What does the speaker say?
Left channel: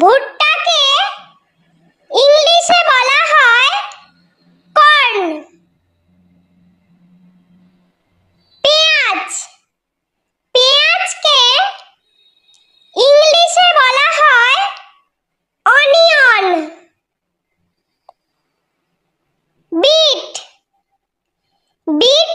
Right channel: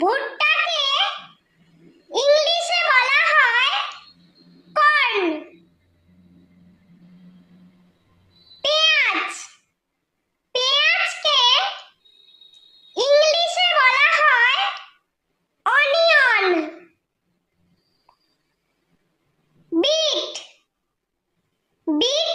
ভুট্টাকে ইংলিশে বলা হয় কর্ন। পেঁয়াজ, পেঁয়াজকে ইংলিশে বলা হয় অনিয়ন। Bit, bit